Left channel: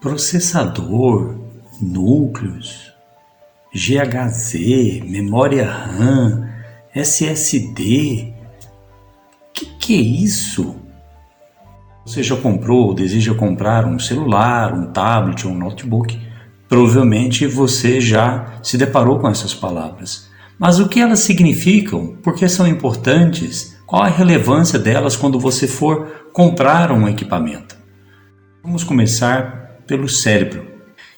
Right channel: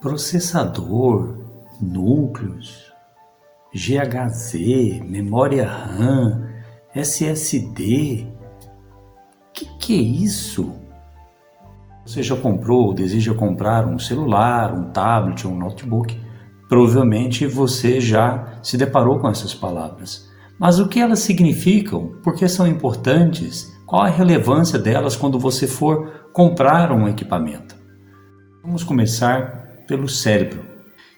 Processador, núcleos, GHZ, memória RAM, SSD. Que é isso? Você já comprou ou deseja comprar um celular, um tablet ou um notebook? Provavelmente você já se deparou com essas palavras. Mas o que elas significam? Por que são importantes? Qual a relevância delas quando você for comprar um equipamento? Vamos começar pelo cérebro.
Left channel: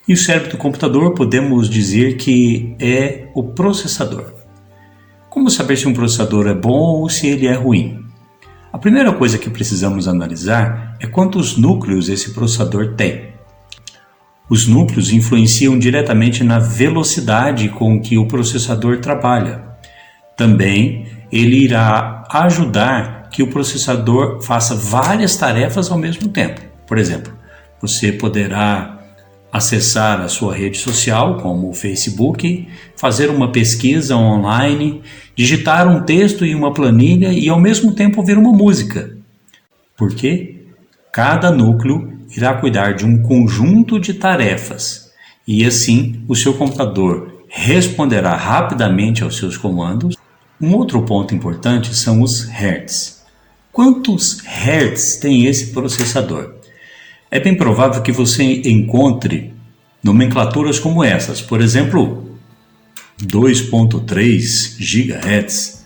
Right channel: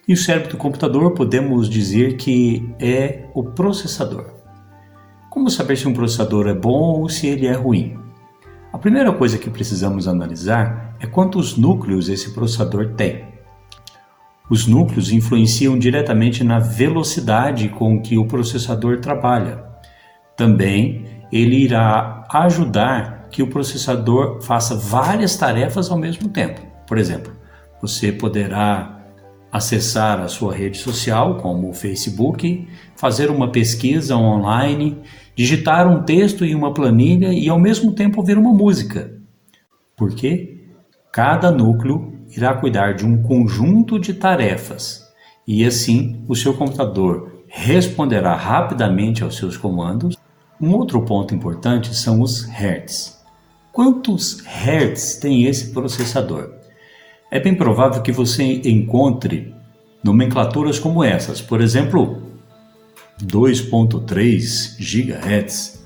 E o cérebro do computador podemos dizer que é o processador. Como saber se um processador é bom ou se ele é ruim? A primeira coisa que precisamos analisar é quantos núcleos esse processador tem. Os núcleos influenciam diretamente na velocidade com que o processador trabalha. Também ele irá ajudar que o processador faça várias tarefas ao mesmo tempo. Por exemplo, você poderá acessar a sua rede social, como o Facebook, fazer uma pesquisa online, digitar um texto em uma planilha e ao mesmo tempo ouvir uma música. Por quê? Cada núcleo irá cuidar de um conjunto de tarefas e assim o seu computador responderá rapidamente aos seus comandos. Um outro ponto importante são os hertz. Quantos hertz tem esse processador? É bem provável que você encontre nomenclaturas como essas, por exemplo, 2.3 GHz,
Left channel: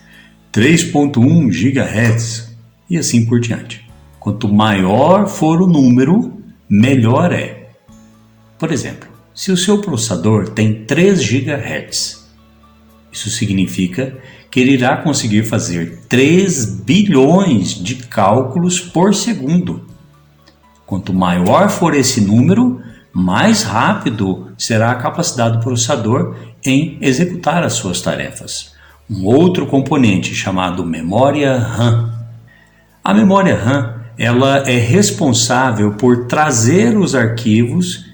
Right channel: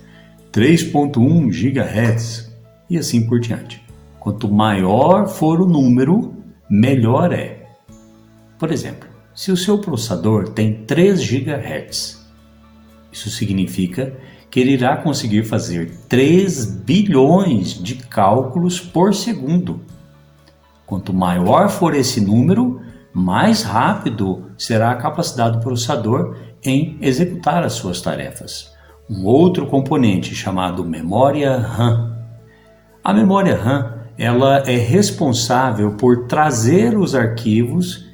3.1 GHz e assim por diante. Quanto maior for o número, melhor é. Por exemplo, se o seu processador tem 3 GHz, isso significa que ele irá conseguir fazer 3 bilhões de cálculos por segundo. Quanto maior for esse número, mais rápido será a capacidade do processador em executar as suas tarefas. Um outro componente chamado memória RAM. A memória RAM ela é responsável por trazer os arquivos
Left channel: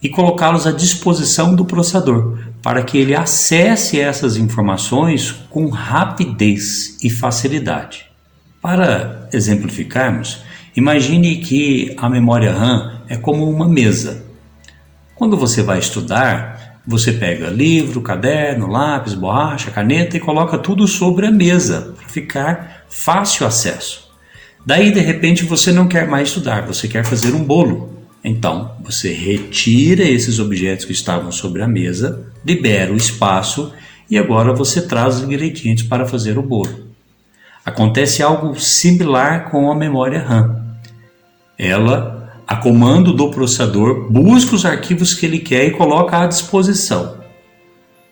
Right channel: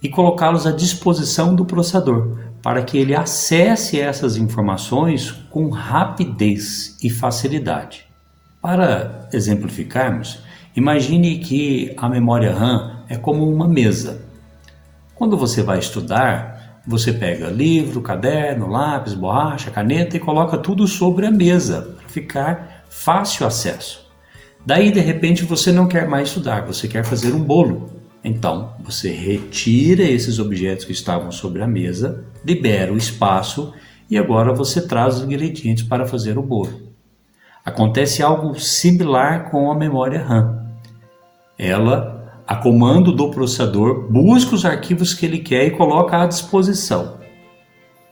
e colocá-los à disposição do processador, para que ele acesse essas informações com rapidez e facilidade. Para exemplificarmos, imagine que a memória RAM é como uma mesa. Quando você vai estudar, você pega livro, caderno, lápis, borracha, caneta e coloca tudo sobre a mesa para ficar fácil acesso. Daí, de repente, você não quer mais estudar, você quer fazer um bolo. Então, você retira esses objetos que estavam sobre a mesa, libera o espaço e agora você traz os ingredientes para fazer o bolo. Acontece algo similar com a memória RAM. Ela, a comando do processador, busca os arquivos que ele quer e coloca à disposição.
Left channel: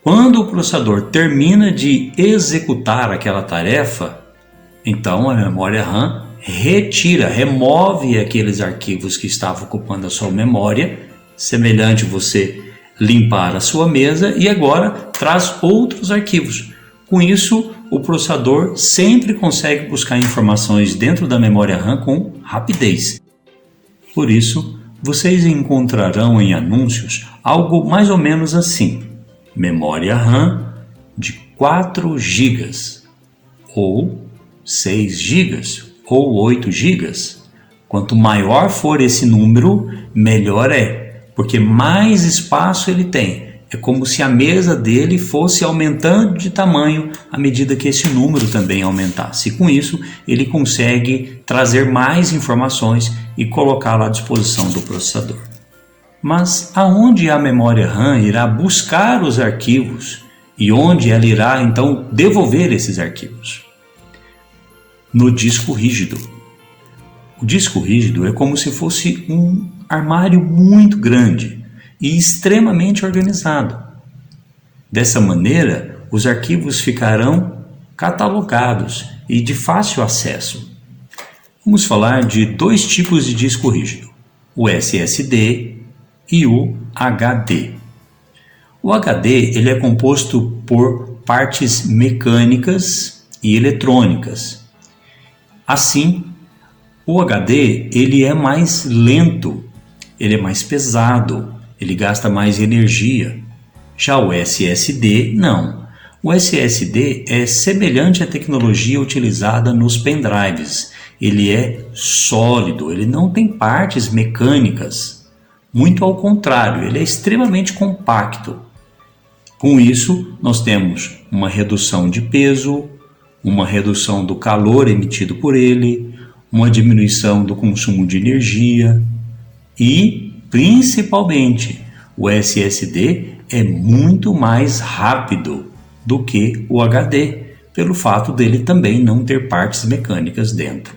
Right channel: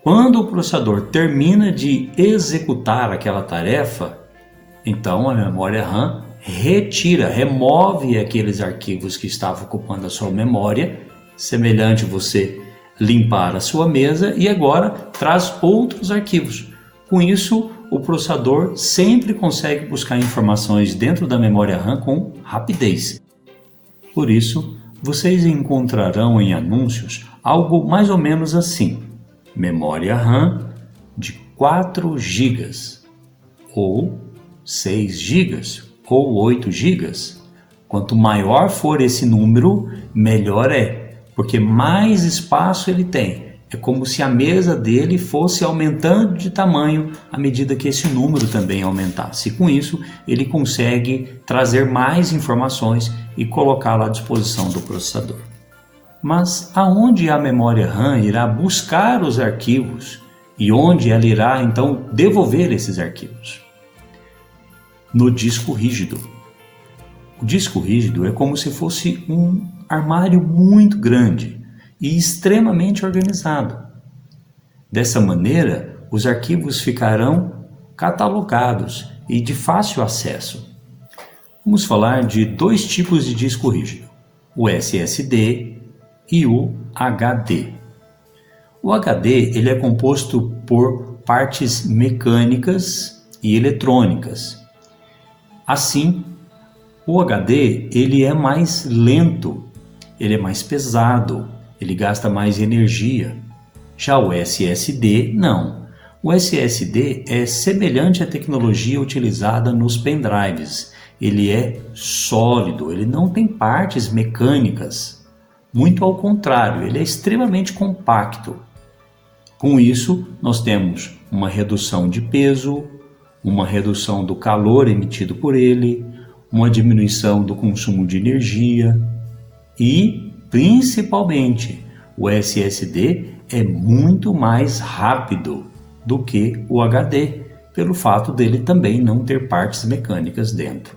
Quando o processador termina de executar aquela tarefa, então a memória RAM remove aqueles arquivos que estavam ocupando a sua memória, semelhante a você limpar a sua mesa, e agora traz outros arquivos. Com isso, o processador sempre consegue buscar informações dentro da memória RAM com rapidez. Por isso, vocês encontrarão em anúncios algo mais ou menos assim: memória RAM de 4 GB, ou 6 GB, ou 8 GB. Quanto maior for esse número, melhor é, porque mais espaço ele tem. É como se a mesa dele fosse aumentando de tamanho à medida que esse número também aumentasse. E com isso, ele consegue trazer mais informações e colocá-la à disposição do processador. Mas aonde a memória RAM irá buscar os arquivos e onde ela irá então devolver esses arquivos? No disco rígido. O disco rígido é como se fosse um armário muito grande e extremamente organizado. Dessa maneira, os arquivos ficarão catalogados e de fácil acesso. Vamos falar de 2 tipos de disco rígido, o SSD e o HD. O HD ele é composto por partes mecânicas e eletrônicas. Assim, o HD ele é mais lento, ele é mais pesado, ele gasta mais energia. Já o SSD, não. O SSD é semelhante à tecnologia utilizada nos pendrives. Ele é sólido, ele não tem partes mecânicas. Muito ao contrário, ele é extremamente compacto. Com isso, nós temos uma redução de peso, uma redução do calor emitido por ele, uma diminuição do consumo de energia e, principalmente, o SSD é muito mais rápido do que o HD, pelo fato dele também não ter partes mecânicas dentro.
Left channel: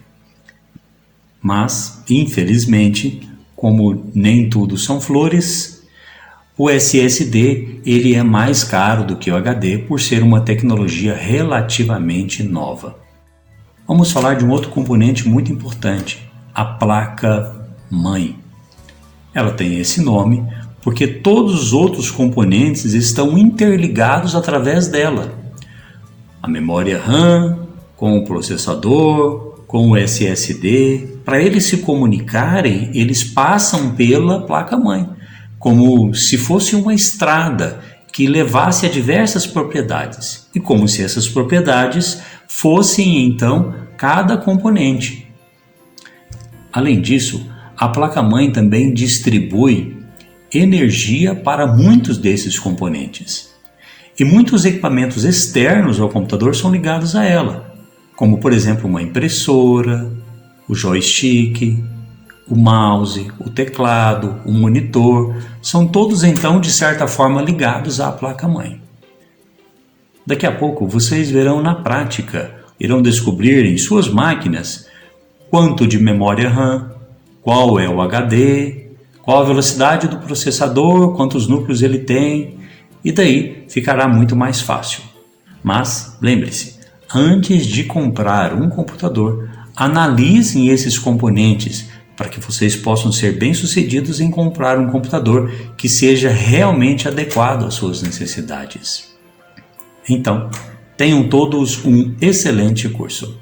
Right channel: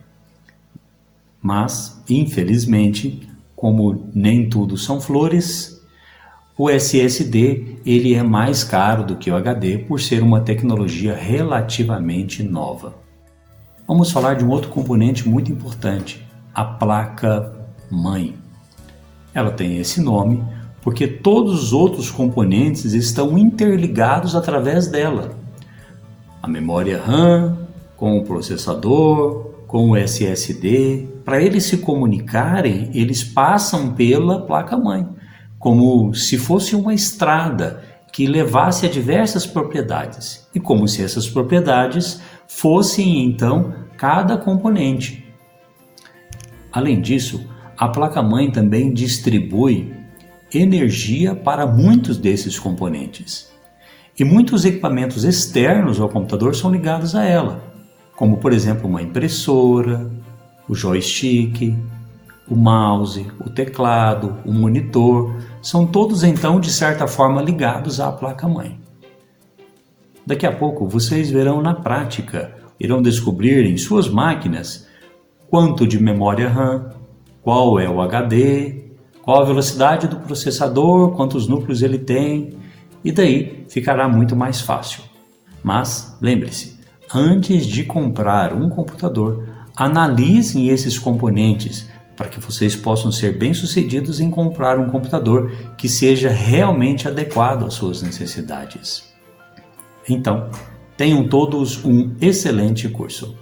Mas, infelizmente, como nem tudo são flores, o SSD ele é mais caro do que o HD por ser uma tecnologia relativamente nova. Vamos falar de um outro componente muito importante, a placa-mãe. Ela tem esse nome porque todos os outros componentes estão interligados através dela. A memória RAM, com o processador, com o SSD, para eles se comunicarem, eles passam pela placa-mãe, como se fosse uma estrada que levasse a diversas propriedades, e como se essas propriedades fossem então cada componente. Além disso, a placa-mãe também distribui energia para muitos desses componentes. E muitos equipamentos externos ao computador são ligados a ela, como por exemplo uma impressora, o joystick, o mouse, o teclado, o monitor, são todos então de certa forma ligados à placa-mãe. Daqui a pouco vocês verão na prática, irão descobrir em suas máquinas quanto de memória RAM, qual é o HD, qual a velocidade do processador, quantos núcleos ele tem, e daí ficará muito mais fácil. Mas lembre-se, antes de comprar um computador, analisem esses componentes para que vocês possam ser bem-sucedidos em comprar um computador que seja realmente adequado às suas necessidades. Então, tenham todos um excelente curso.